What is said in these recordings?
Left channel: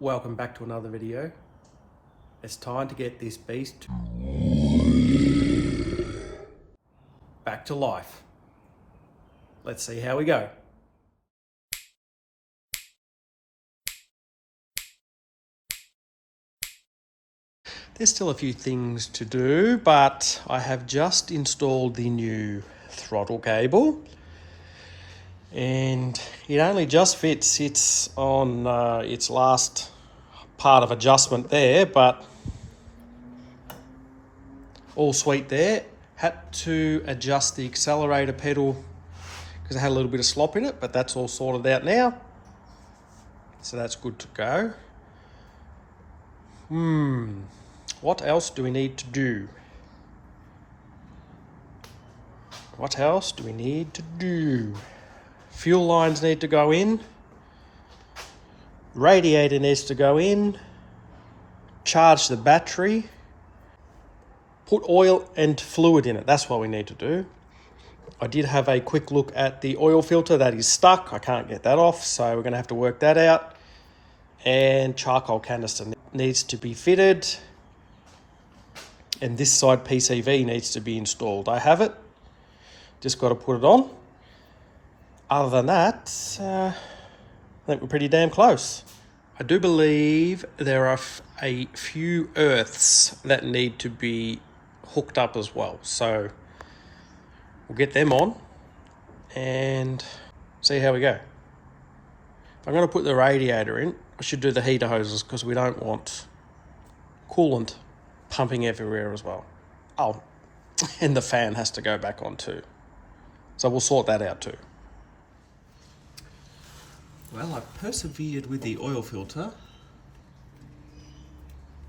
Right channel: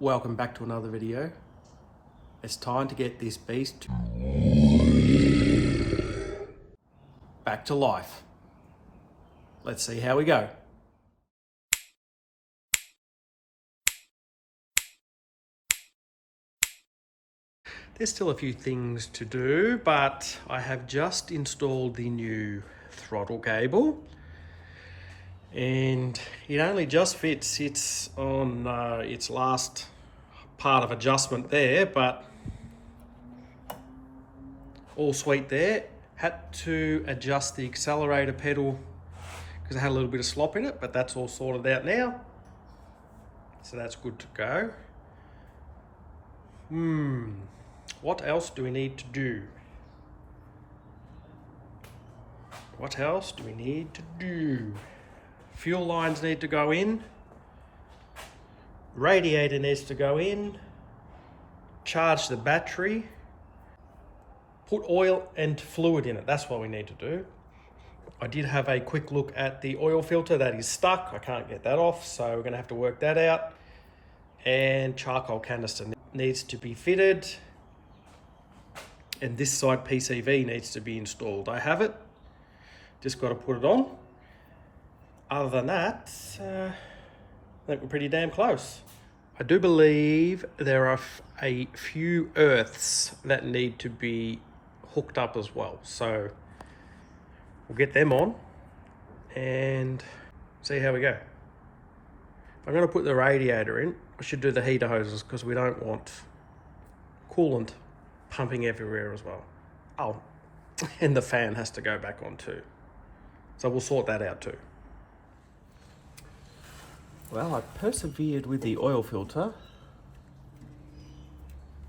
Welcome back to another video. It's time to get this beast back to life. Let's see how we go. There's still a few things to do, but I have just installed the new throttle cable and it only just fits. It's on its last part of adjustment there, but all sweet there. Had to adjust the accelerator pedal because I had a little bit of slop in it, but that's all sorted out now, so that's good to go. What else do we need to do? Fuel lines need to go in. Radiator needs to go in. Charge the battery. Put oil and fluid in it. That's what we need to do. I did have a quick look at the oil filter that is stuck. I can't get that off, so we're going to have to work that out. And charcoal canister needs to be fitted. And this side PCV needs to be installed. I have it. Just got to put it on. Other than that, I think we're pretty damn close. I do believe there are a few earths that need to be hooked up as well. So we'll get them on and see how we go. If I'm going to put the radiator in, I should do the heater hoses because we don't want coolant pumping everywhere as well. Oh, and the fan has to go back on too. So we'll sort that out too. Well, I persevered with the oil filter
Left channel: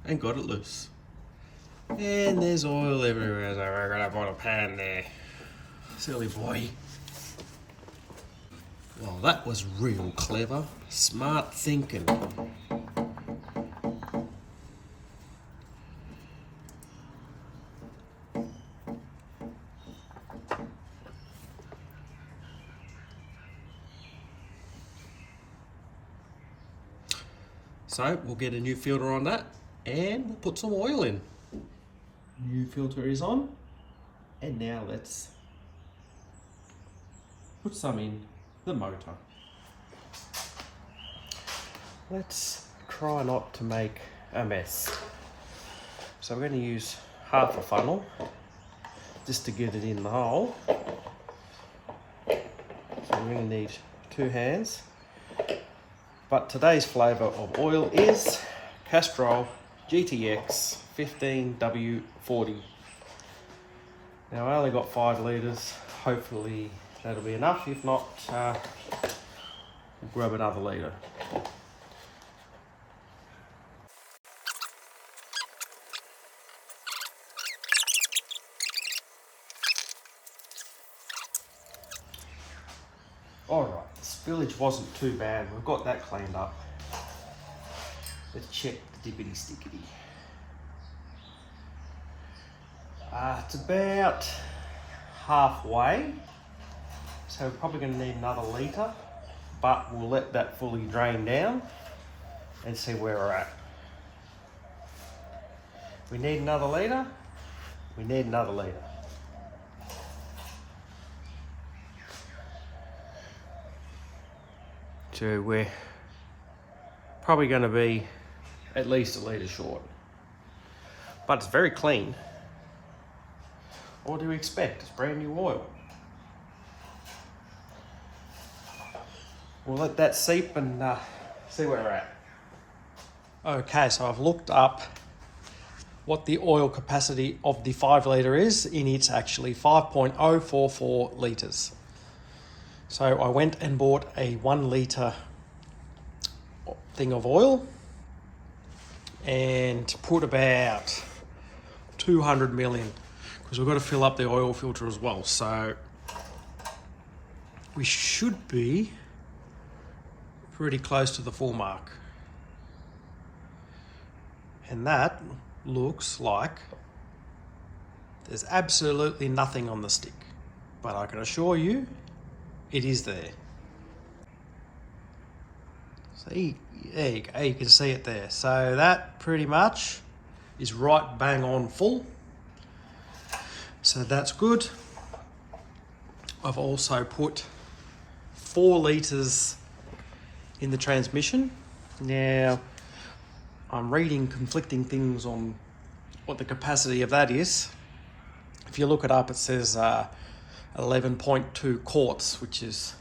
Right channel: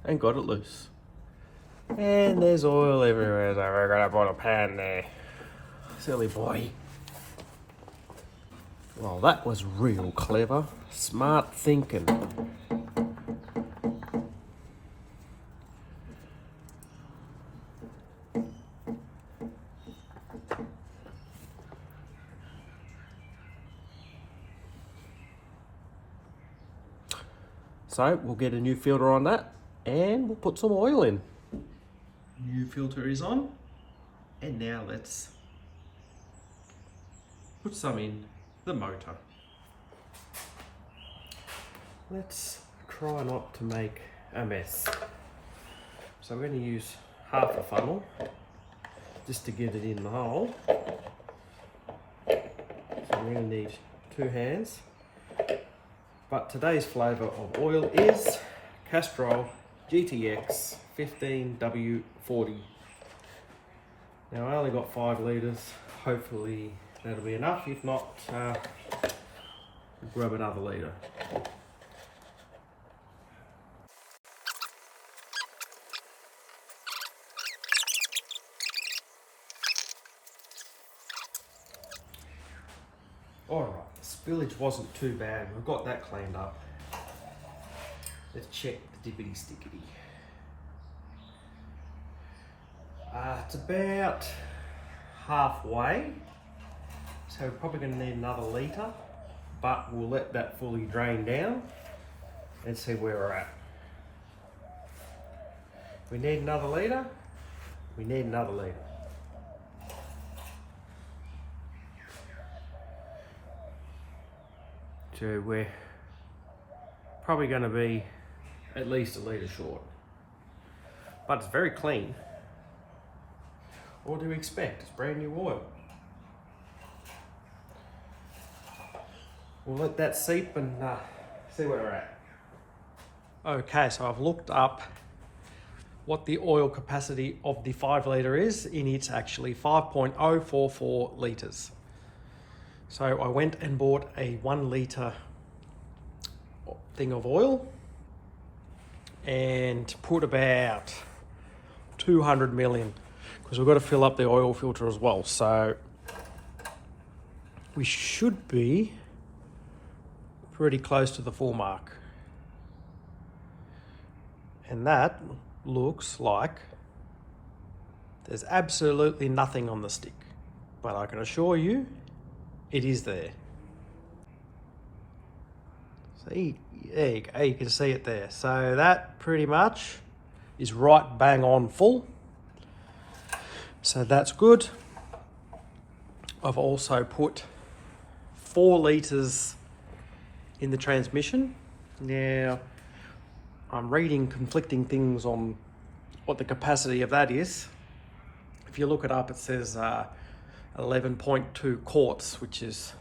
and got it loose. And there's oil everywhere, so we're gonna put a pan there. Silly boy. Well, that was real clever. Smart thinking. So we'll get a new filter on that and we'll put some oil in. New filter is on, and now let's put some in the motor. Let's try not to make a mess. So we're going to use half a funnel just to get it in the hole. So we're going to need 2 hands. But today's flavour of oil is Castrol GTX 15W40. Now I only got 5 litres, hopefully that'll be enough. If not, we'll grab another litre. Alright, the spillage wasn't too bad. We've got that cleaned up. Let's check the diggity stickity. It's about halfway, so we're probably going to need another litre, but we'll let that fully drain down and see where we're at. We need another litre. We need another litre. So we're probably going to be at least a litre short, but it's very clean. What do you expect? It's brand new oil. We'll let that seep and see where we're at. Okay, so I've looked up what the oil capacity of the 5 litre is, and it's actually 5.044 litres. So I went and bought a 1 litre thing of oil and put about 200 ml in, because we've got to fill up the oil filter as well. So we should be pretty close to the full mark. And that looks like there's absolutely nothing on the stick, but I can assure you it is there. See, there you go, you can see it there. So that pretty much is right bang on full. So that's good. I've also put 4 litres in the transmission. Now, I'm reading conflicting things on what the capacity of that is. If you look it up, it says 11.2 quarts, which is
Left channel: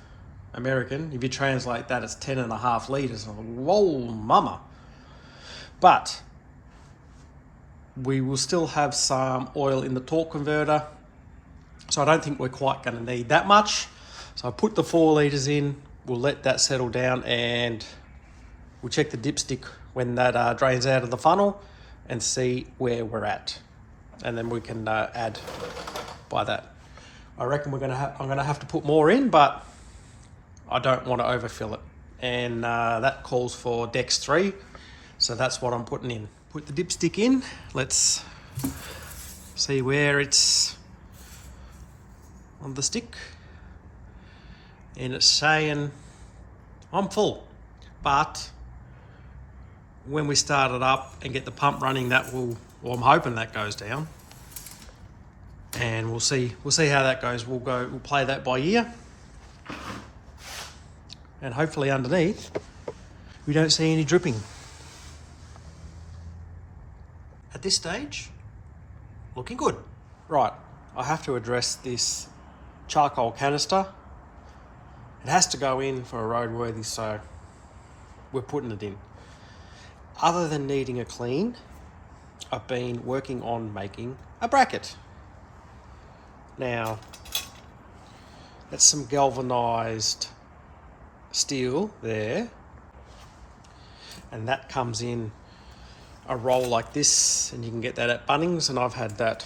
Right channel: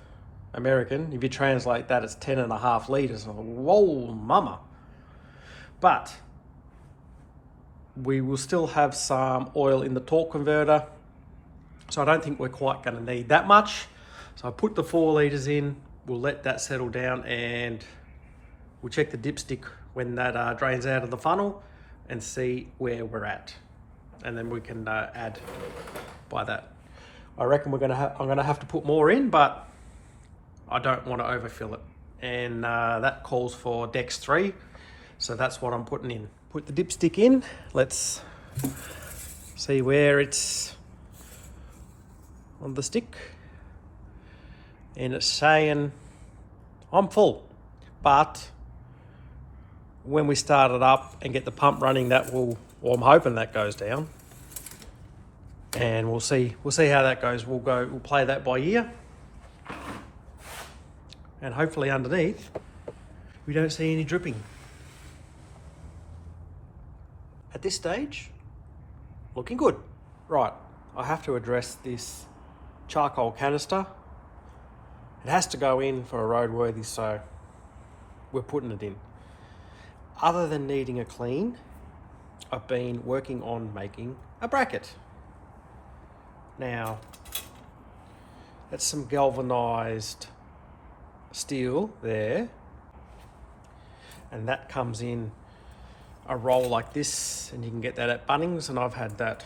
American. If you translate that, it's 10.5 litres. Whoa, mama. But we will still have some oil in the torque converter, so I don't think we're quite going to need that much. So I put the 4 litres in, we'll let that settle down, and we'll check the dipstick when that drains out of the funnel and see where we're at. And then we can add by that. I reckon I'm gonna have to put more in, but I don't want to overfill it. And that calls for Dex 3, so that's what I'm putting in. Put the dipstick in, let's see where it's on the stick. And it's saying I'm full, but when we start it up and get the pump running, that will, well, I'm hoping that goes down, and we'll see how that goes. We'll play that by ear, and hopefully underneath we don't see any dripping. At this stage, looking good. Right, I have to address this charcoal canister. It has to go in for a roadworthy, so we're putting it in. Other than needing a clean, I've been working on making a bracket. Now, that's some galvanized steel there, and that comes in a roll like this, and you can get that at Bunnings, and I've had that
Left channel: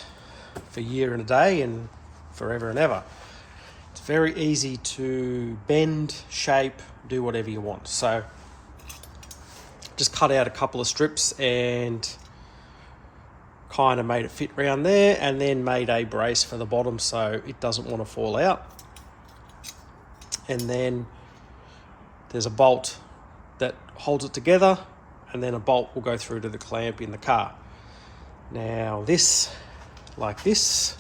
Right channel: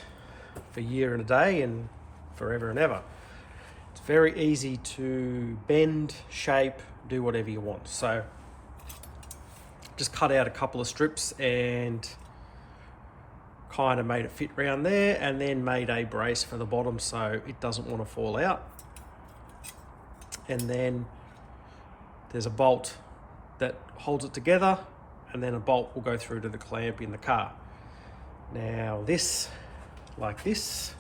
for a year and a day and forever and ever. It's very easy to bend, shape, do whatever you want. So just cut out a couple of strips and kind of made it fit around there, and then made a brace for the bottom so it doesn't want to fall out. And then there's a bolt that holds it together, and then a bolt will go through to the clamp in the car. Now this, like this,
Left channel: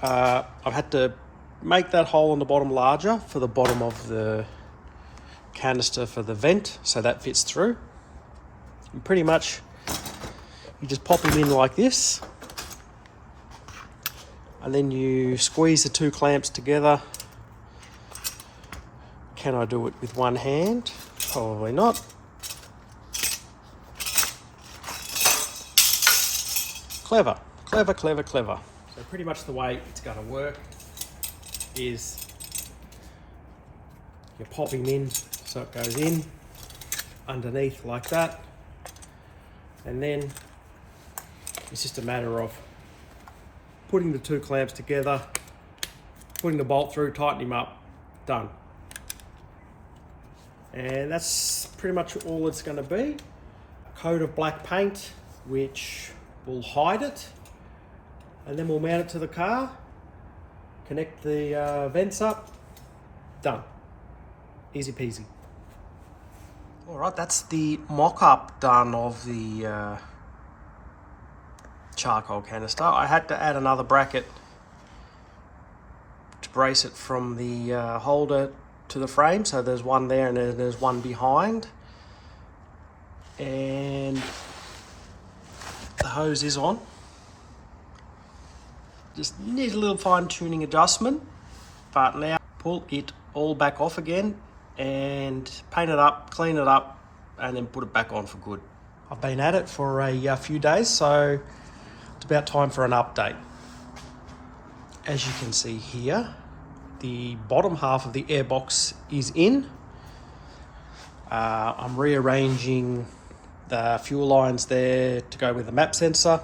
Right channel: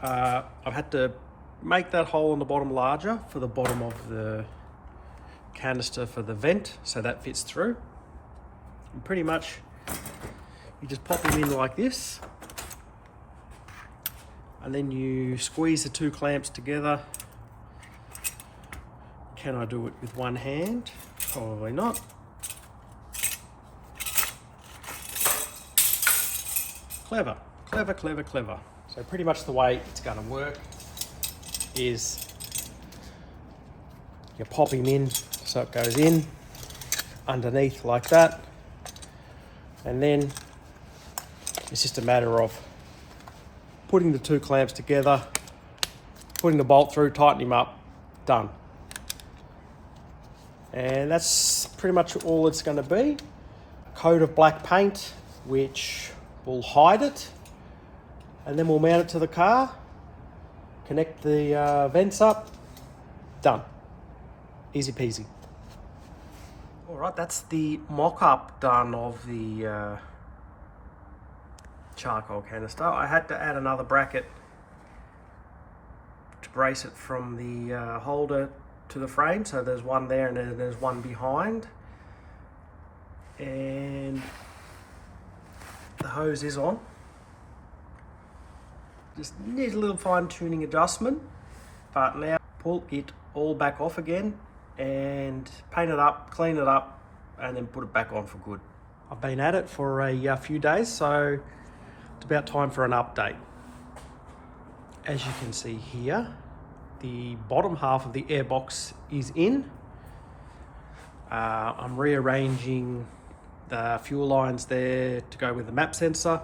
I've had to make that hole on the bottom larger for the bottom of the canister for the vent, so that fits through. And pretty much you just pop him in like this, and then you squeeze the 2 clamps together. Can I do it with one hand? Probably not. Clever, clever, clever, clever. So pretty much the way it's going to work is you pop him in so it goes in underneath like that, and then it's just a matter of putting the 2 clamps together, putting the bolt through, tighten him up, done. And that's pretty much all it's going to be. A coat of black paint which will hide it, and then we'll mount it to the car, connect the vents up, done. Easy peasy. All right, that's the mock-up done of the charcoal canister. I had to add another bracket to brace it from the holder to the frame, so there's one there and then there's one behind, and the hose is on. Just need a little fine-tuning adjustment, but now pull it all back off again and paint it up, clean it up, and then put it back on for good. I've been at it for a few days, so it's about time for an update. As you can see here, the bottom half of the airbox is in. I'm rearranging the fuel lines there to go with the map sensor.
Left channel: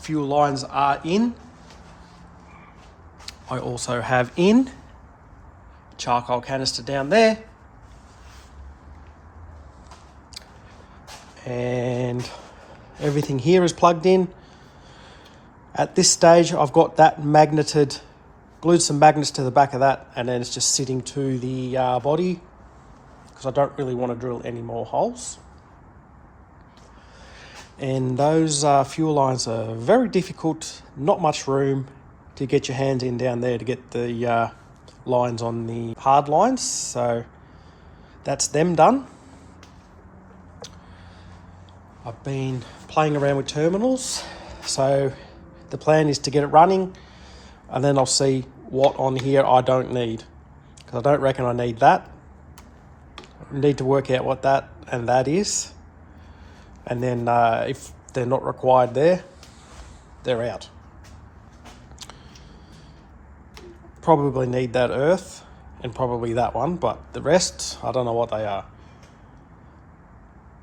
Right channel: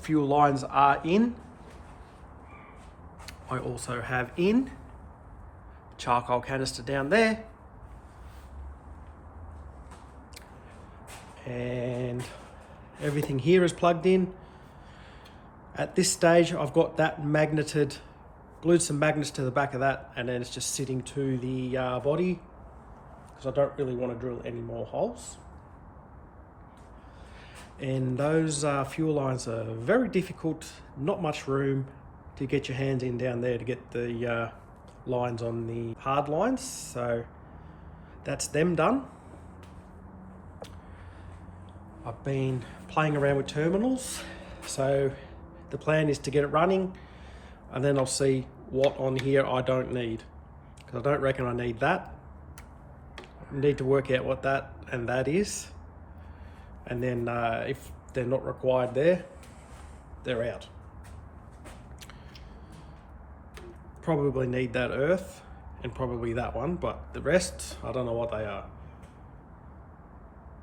Fuel lines are in. I also have in charcoal canister down there, and everything here is plugged in. At this stage I've got that magneted, glued some magnets to the back of that, and then it's just sitting to the body because I don't really want to drill any more holes. And those fuel lines are very difficult, not much room to get your hands in down there to get the lines on the hard lines. So that's them done. I've been playing around with terminals, so the plan is to get it running, and then I'll see what on here I don't need, because I don't reckon I need that. I need to work out what that and that is, and then if they're not required there, they're out. Probably need that earth and probably that one, but the rest, I don't know what they are.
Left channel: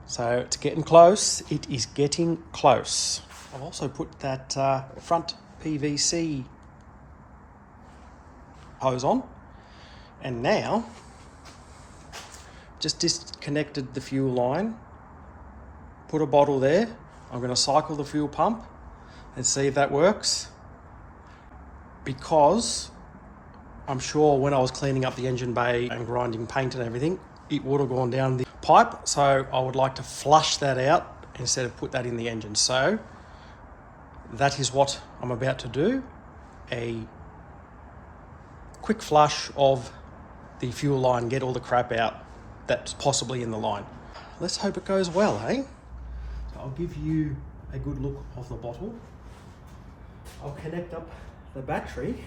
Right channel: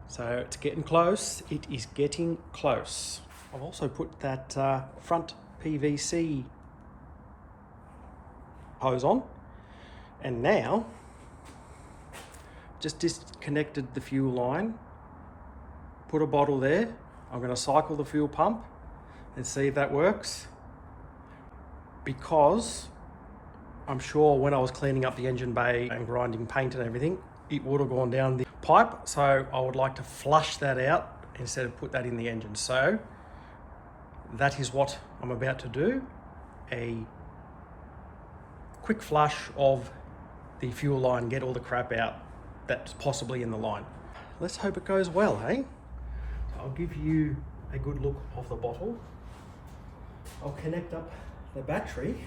So it's getting close. It is getting close. I've also put that front PVC hose on, and now just disconnected the fuel line, put a bottle there. I'm going to cycle the fuel pump and see if that works, because I'm sure when I was cleaning up the engine bay and grinding paint and everything, it would have gone down the pipe, so I would like to flush that out instead of put that in the engine. So that is what I'm about to do, a quick flush of the fuel line, get all the crap out that's possibly in the line. Let's hope it goes well, hey? So I'll give you a good look of the bottle. I'll connect up the battery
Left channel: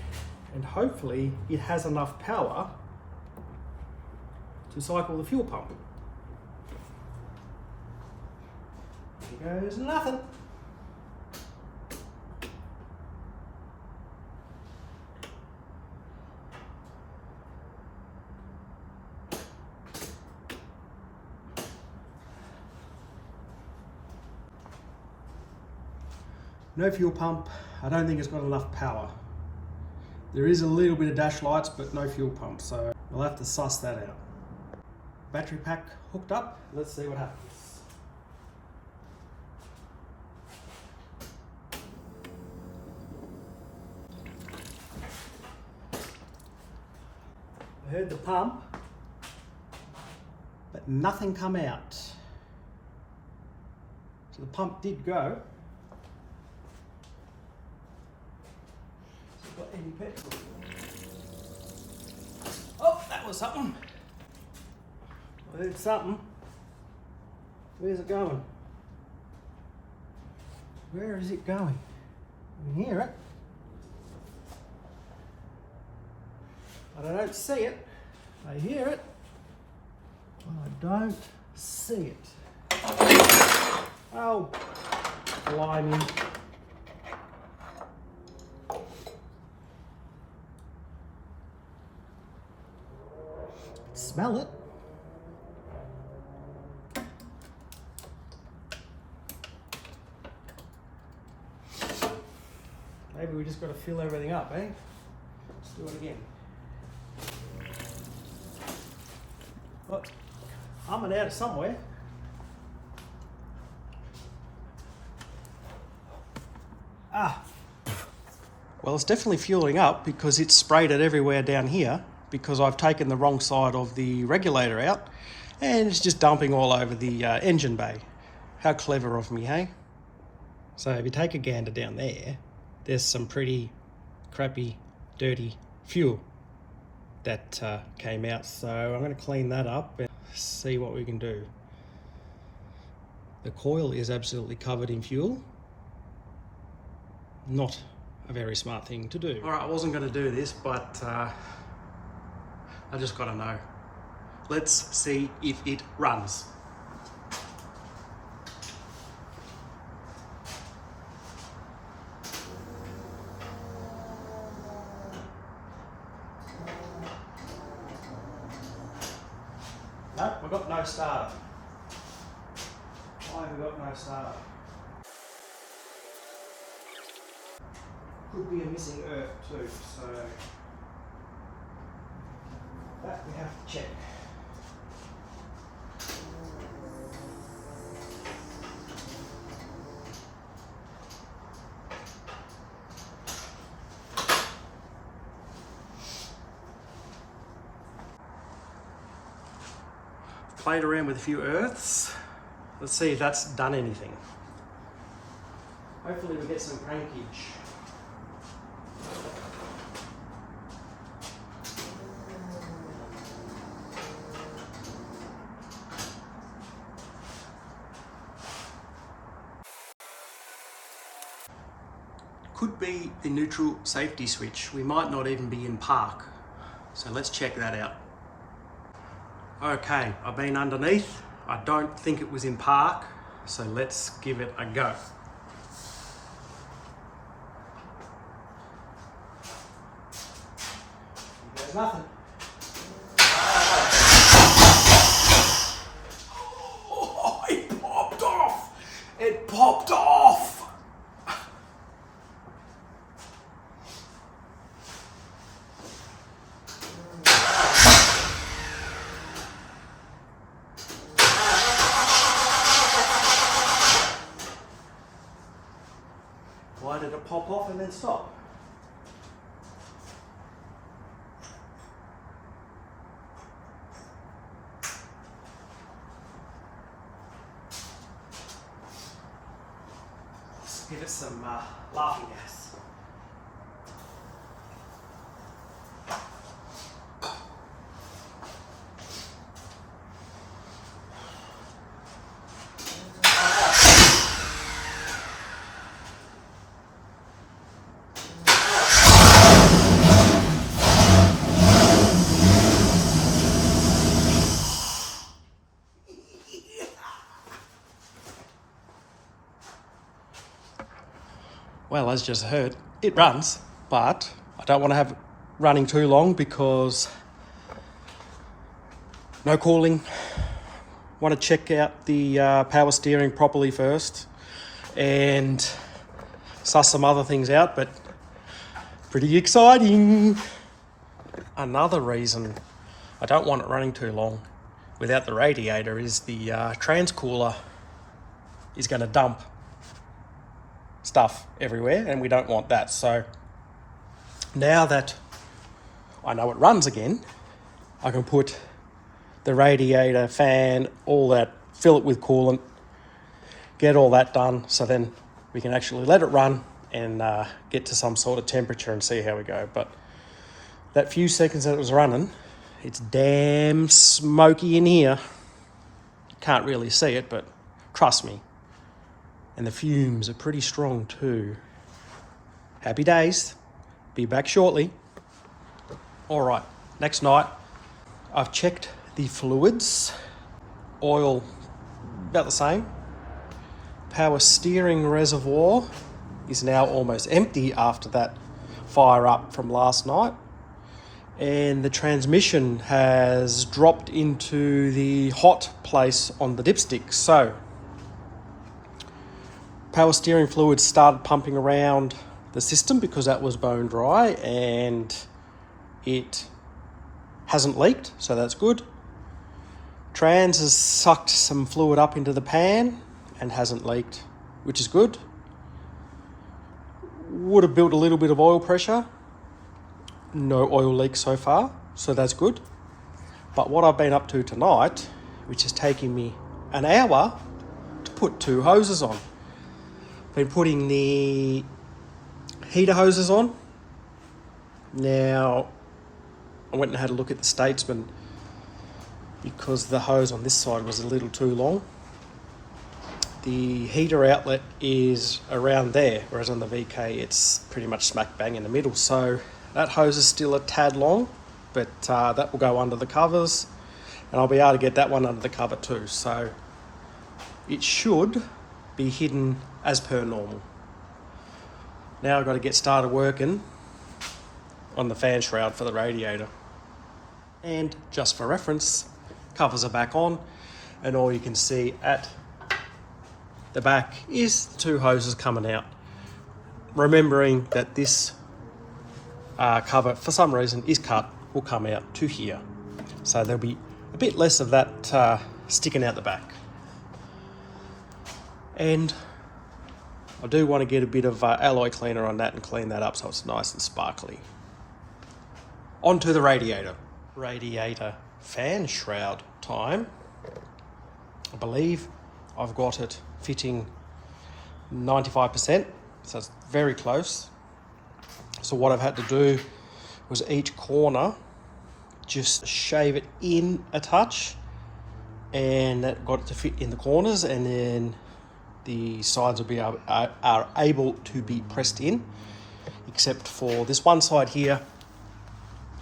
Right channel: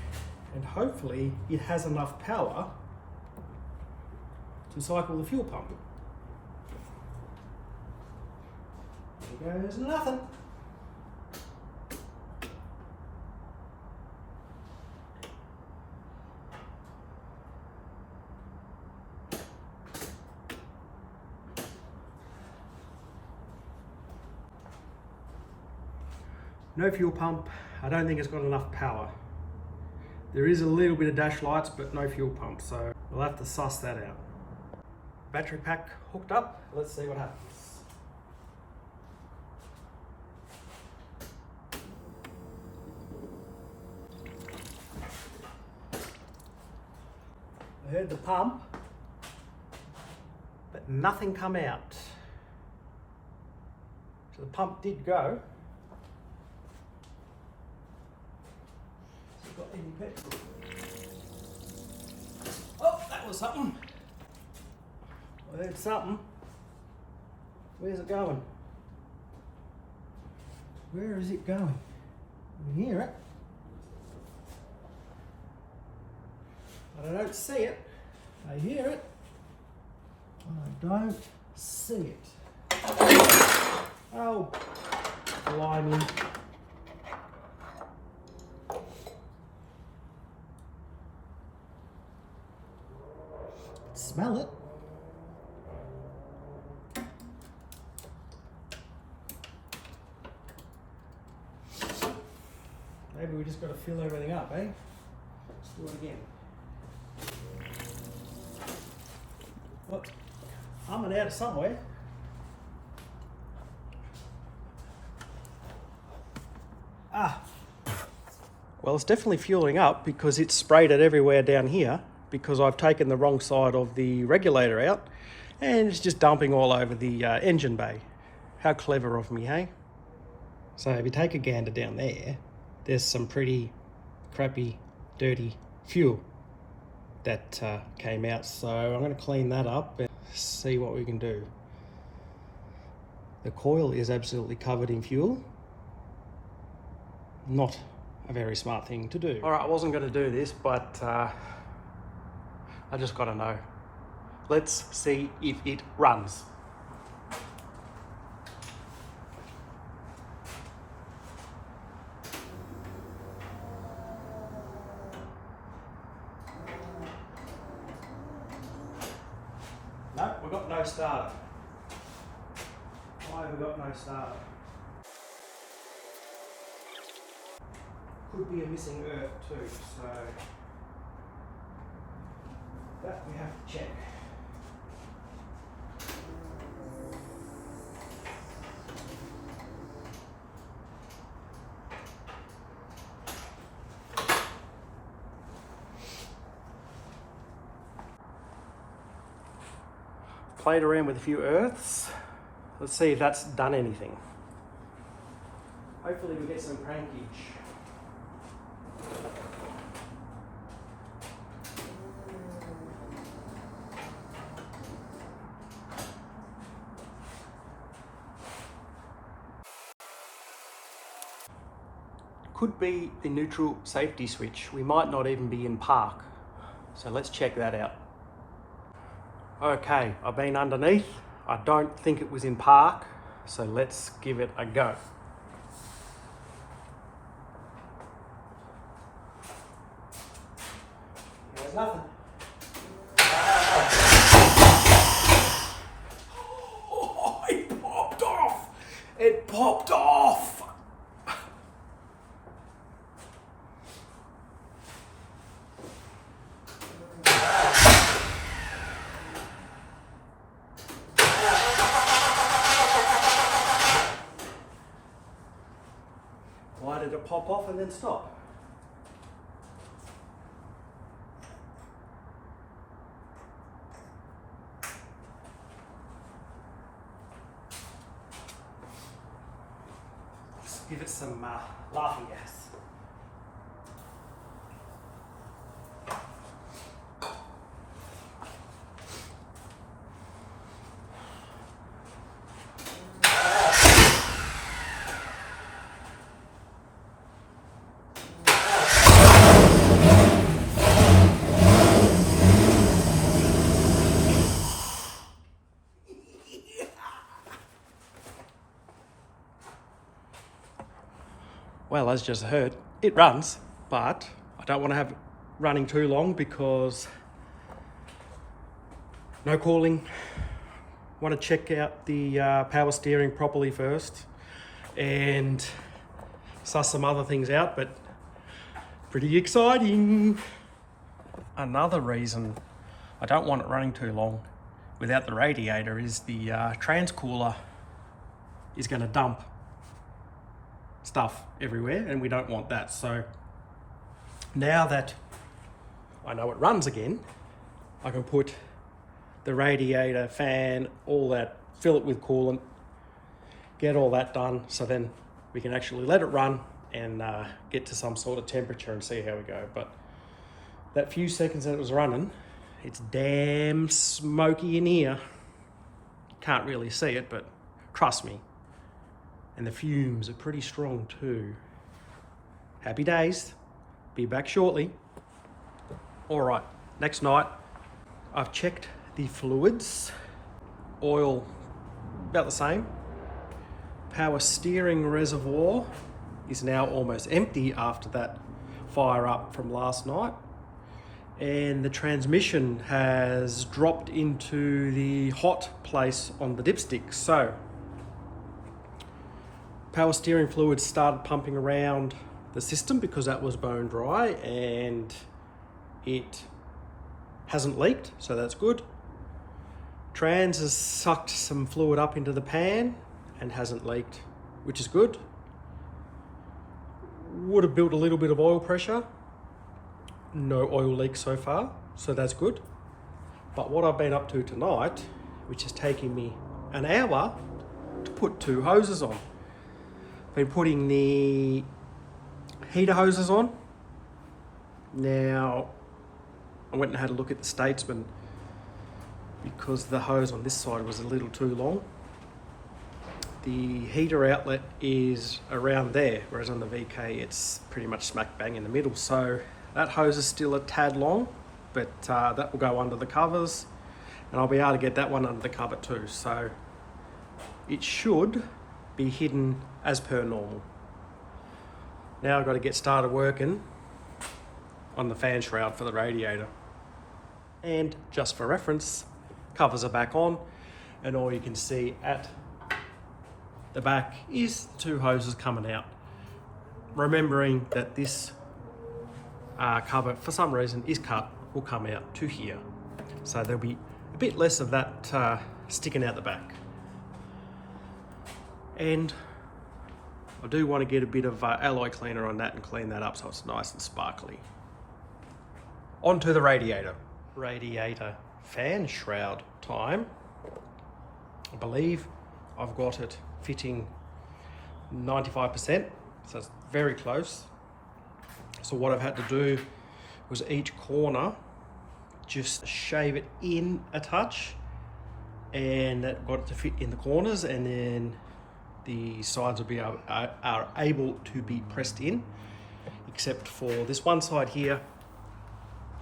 and hopefully it has enough power to cycle the fuel pump. There goes nothing. No fuel pump. I don't think it's got enough power. There is a little bit of dash lights, but no fuel pump, so we'll have to suss that out. Battery pack hooked up. Let's see what happens. I heard the pump, but nothing come out. So the pump did go. Has it got any petrol? Oh, that was something. I heard something. Where's it going? Where is it going? I can hear it. But I don't see it. I hear it. But I don't see it. Oh, blimey. Smell it. Maybe we just got to fill everything up, eh? Let's do it again. Well, I'm out of somewhere. Ah. Well, it's definitely fueling up because it's sprayed it everywhere down here, because I've taken the wrong side of the regulator out and it's just dumping all over the engine bay. How clever of me, hey? So if you take a gander down there, there's some pretty crappy, dirty fuel that came out. So I'm going to clean that up and see what we can do. The coil is absolutely covered in fuel. Not a very smart thing to do. All right, I wasn't going to do this, but I just got to know. Let's see if it runs. No, we've got no starter. Why have we got no starter? Could be a missing earth too, so that we have to check. played around with a few earths. Let's see if that's done anything. Hopefully we get some crankage. Could be the neutral safety switch. We might not even be in park. So let's check that out. Okay, I've been underneath. I don't think it was in park, so let's give it a go. There's nothing. Oh, it popped off! It popped off! Why did it pop off and then stop? Let's give it some laughing gas. Well, as just heard, it runs, but I don't want to have it running too long because no cooling. Want to check out the power steering properly first and suss some other things out, but pretty exciting. Another reason I don't want it running too long without the radiator is the transcooler is going to dump stuff everywhere, and we don't want that. So now that I know it runs again, I can put the radiator, fan, all that, fill it with coolant, get all that done, so then we can actually let it run and get to some sort of temperature and see how we go. But that few seconds that it was running, it's damn smoky in here. Can't really see it, but trust me. And the fumes are pretty strong too. Happy days. Be back shortly. All right, next night, I've checked the fluids. Oil, about the same. Power steering reservoir is now almost empty after that fire up from last night. And the transmission has dropped into the hot place on the dipstick. So, power steering fluid started pumping around the system because that was bone dry, and it hasn't leaked, so that's good. Trans has sucked some fluid up into the pan and hasn't leaked, which is good. Would have built a little bit of oil pressure. No oil leak so far, so that's good. But what I've been up to tonight, which is taking me an hour to put 2 hoses on. Been putting the heater hoses on. Now, I went and had a look at the Statesman because the hose on this side was a little too long. The heater outlet is around there, whereas on the VK it's pretty much smack bang in the middle. So that hose is still a tad long, but that will go under the covers, and I'll be able to get that one under the cover too. So it should be hidden as per normal. Now I've got to get started working on the fan shroud for the radiator. And just for reference, covers are back on, and all you can see at the back is 2 hoses coming out. Remembering that this cover, for some reason, is cut, will come out to here. So there'll be a bit less of that sticking out the back. And I do want to get a bit of alloy cleaner on that and clean that up so it's nice and sparkly. On to the radiator. Radiator fan shroud time. I believe I've got it fitting 95%, so it's very close. So what I've had to do was each corner just shave it in a touch, and that got it to fit in the corners, and then the sides will be are able to be pressed in, except for this one side here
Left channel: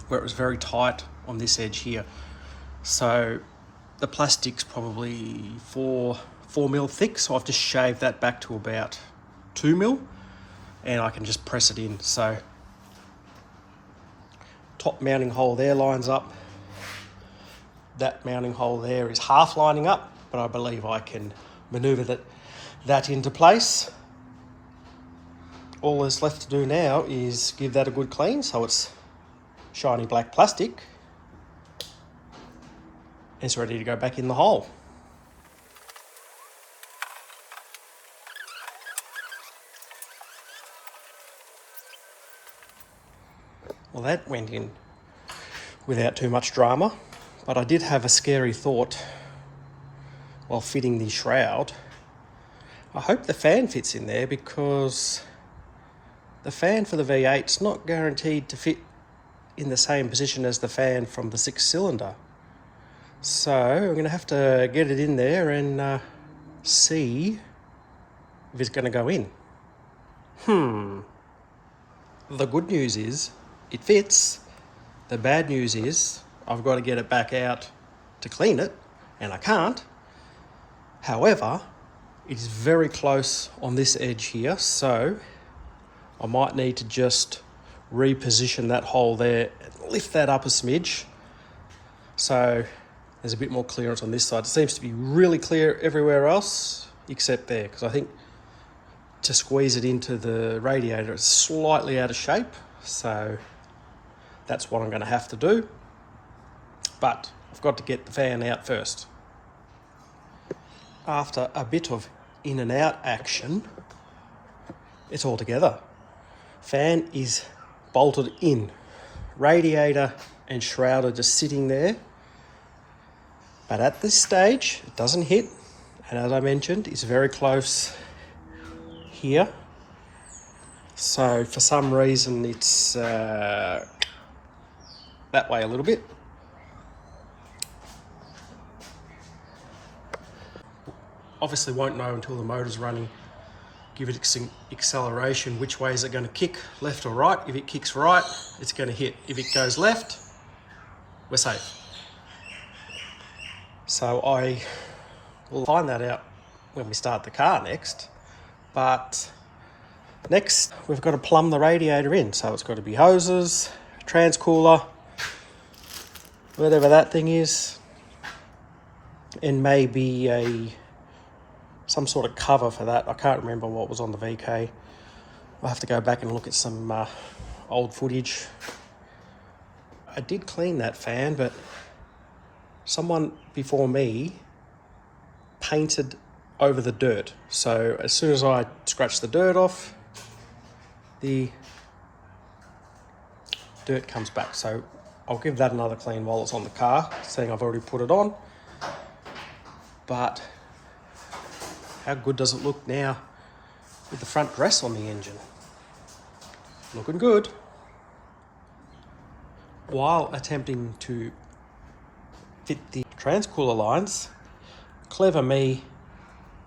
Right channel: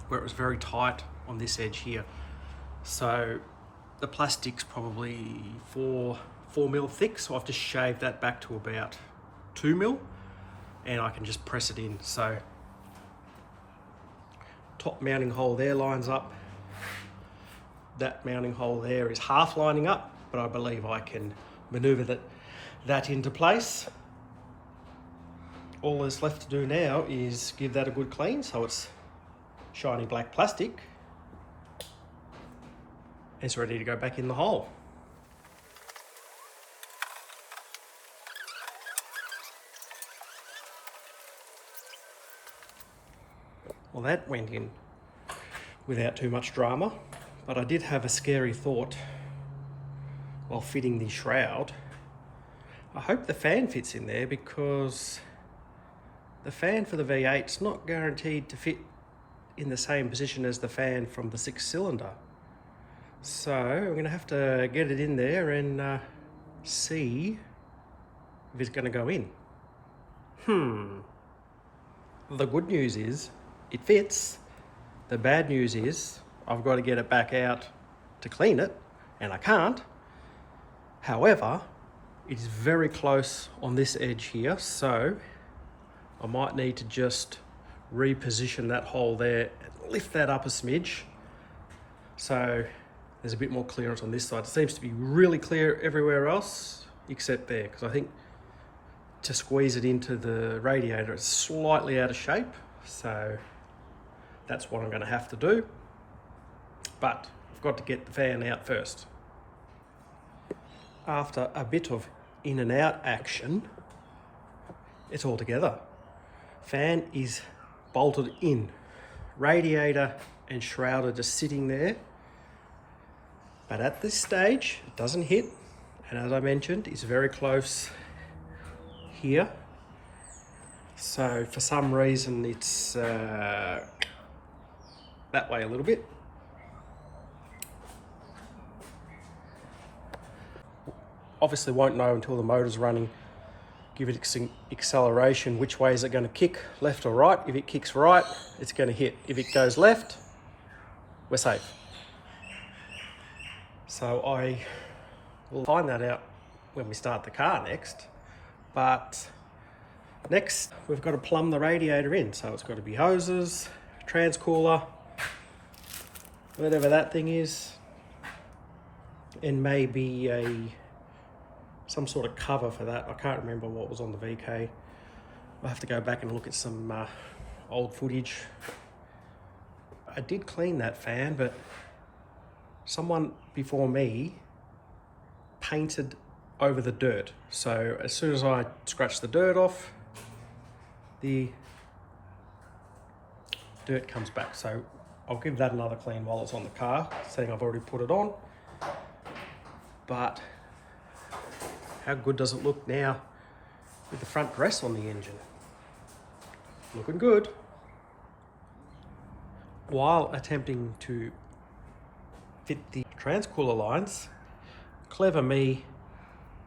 where it was very tight on this edge here. So the plastic's probably 4 mil thick, so I've just shaved that back to about 2 mil, and I can just press it in. So top mounting hole there lines up. That mounting hole there is half lining up, but I believe I can maneuver that into place. All that's left to do now is give that a good clean so it's shiny black plastic. It's ready to go back in the hole. Well, that went in without too much drama, but I did have a scary thought while fitting the shroud. I hope the fan fits in there, because the fan for the V8's not guaranteed to fit in the same position as the fan from the 6-cylinder. So I'm going to have to get it in there and see if it's going to go in. The good news is it fits. The bad news is I've got to get it back out to clean it, and I can't. However, it is very close on this edge here, so I might need to just reposition that hole there and lift that up a smidge, so there's a bit more clearance on this side. It seems to be really clear everywhere else except there, because I think to squeeze it into the radiator it's slightly out of shape, so that's what I'm going to have to do. But I've got to get the fan out first. After a bit of in and out action, it's all together. Fan is bolted in. Radiator and shroud are just sitting there. But at this stage, it doesn't hit. And as I mentioned, it's very close here. So for some reason, it's that way a little bit. Obviously won't know until the motor's running. Give it acceleration, which way is it going to kick, left or right. If it kicks right, it's going to hit. If it goes left, we're safe. So I will find that out when we start the car next. But next, we've got to plumb the radiator in. So it's got to be hoses, transcooler, whatever that thing is, and maybe some sort of cover for that. I can't remember what was on the VK. I'll have to go back and look at some old footage. I did clean that fan, but someone before me painted over the dirt. So as soon as I scratch the dirt off, the dirt comes back. So I'll give that another clean while it's on the car, seeing I've already put it on. But how good does it look now with the front dress on the engine? Looking good. While attempting to fit the transcooler lines, clever me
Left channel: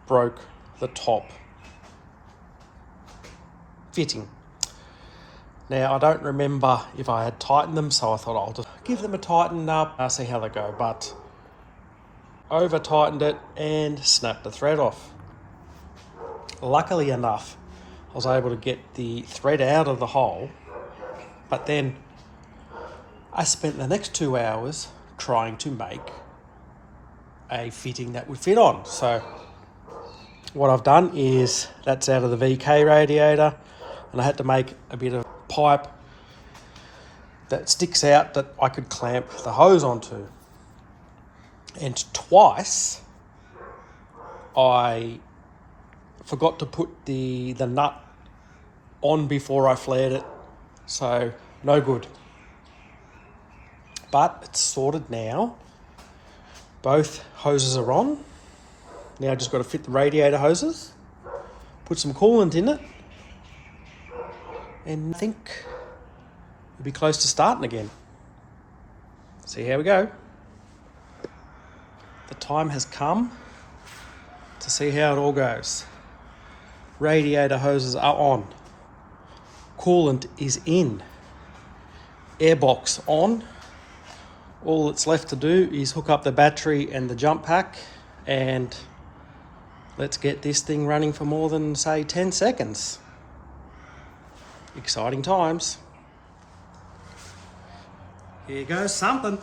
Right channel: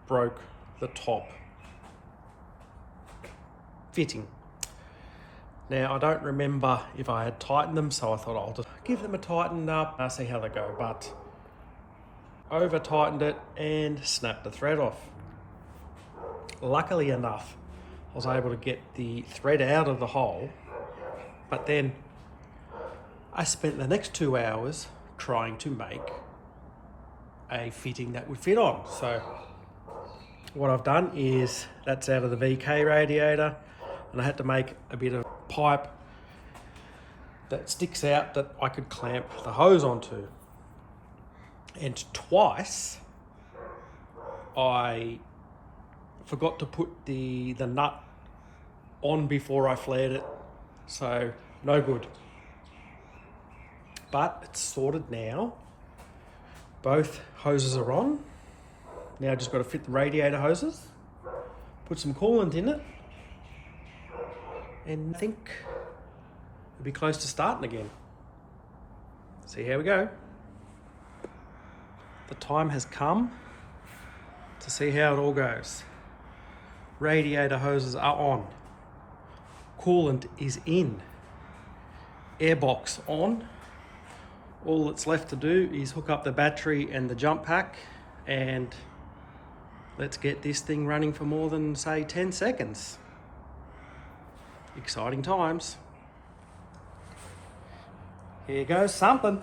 broke the top fitting. Now I don't remember if I had tightened them, so I thought I'll just give them a tighten up, see how they go, but over tightened it and snapped the thread off. Luckily enough, I was able to get the thread out of the hole, but then I spent the next 2 hours trying to make a fitting that would fit on. So what I've done is, that's out of the VK radiator, and I had to make a bit of pipe that sticks out that I could clamp the hose onto. And twice I forgot to put the nut on before I flared it, so no good. But it's sorted now. Both hoses are on. Now I just got to fit the radiator hoses, put some coolant in it, and I think we'll be close to starting again. See how we go. The time has come to see how it all goes. Radiator hoses are on. Coolant is in. Airbox on. All that's left to do is hook up the battery and the jump pack, and let's get this thing running for more than, say, 10 seconds. Exciting times. Here goes something.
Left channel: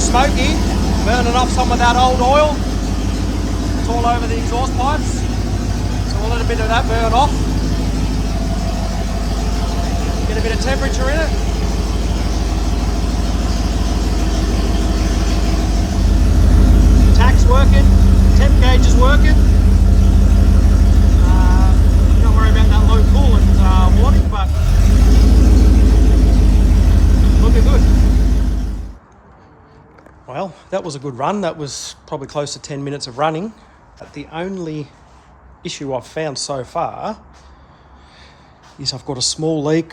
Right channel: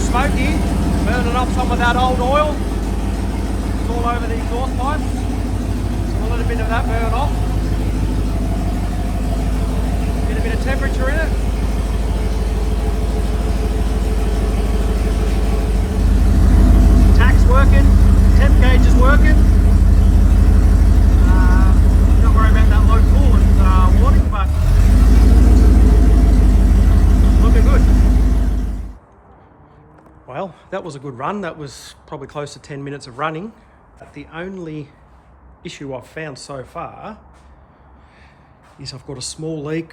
Smoky, burning off some of that old oil. It's all over the exhaust pipes, so we'll let a bit of that burn off. Get a bit of temperature in it. Tach's working, temp gauge is working. Don't worry about that low coolant warning, but looking good. Well, that was a good run. That was probably close to 10 minutes of running. But the only issue I've found so far is I've got a small leak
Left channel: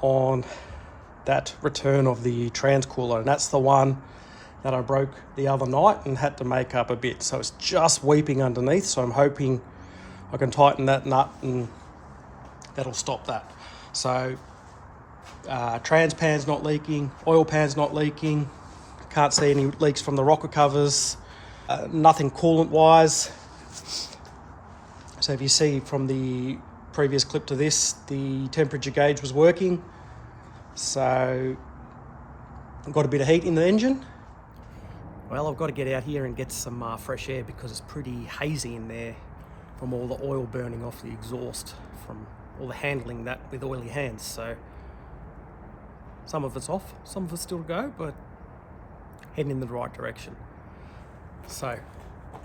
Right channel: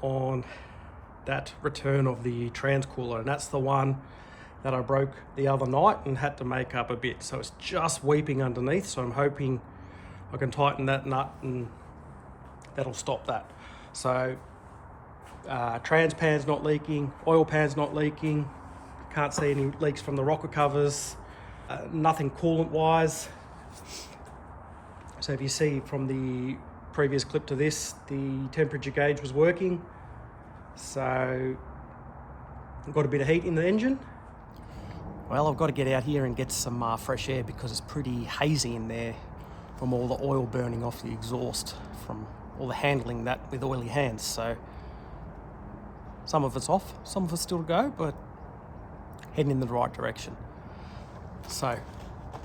on that return of the transcooler, and that's the one that I broke the other night and had to make up a bit. So it's just weeping underneath, so I'm hoping I can tighten that nut and that'll stop that. So trans pan's not leaking, oil pan's not leaking. Can't see any leaks from the rocker covers, nothing coolant wise. So if you see from the previous clip to this, the temperature gauge was working. So I've got a bit of heat in the engine. Well, I've got to get out here and get some fresh air because it's pretty hazy in there from all the oil burning off the exhaust, from all the handling that with oily hands. So some of it's off, some of it's still to go, but heading in the right direction. So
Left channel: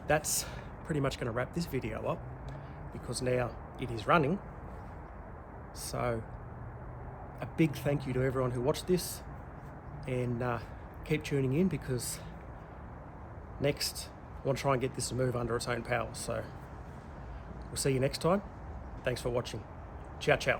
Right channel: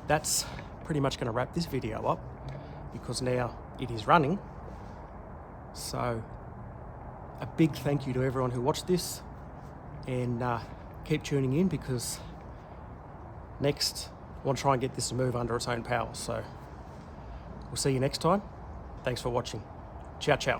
that's pretty much going to wrap this video up because now it is running. So a big thank you to everyone who watched this, and keep tuning in because next I want to try and get this to move under its own power. So we'll see you next time. Thanks for watching. Ciao, ciao.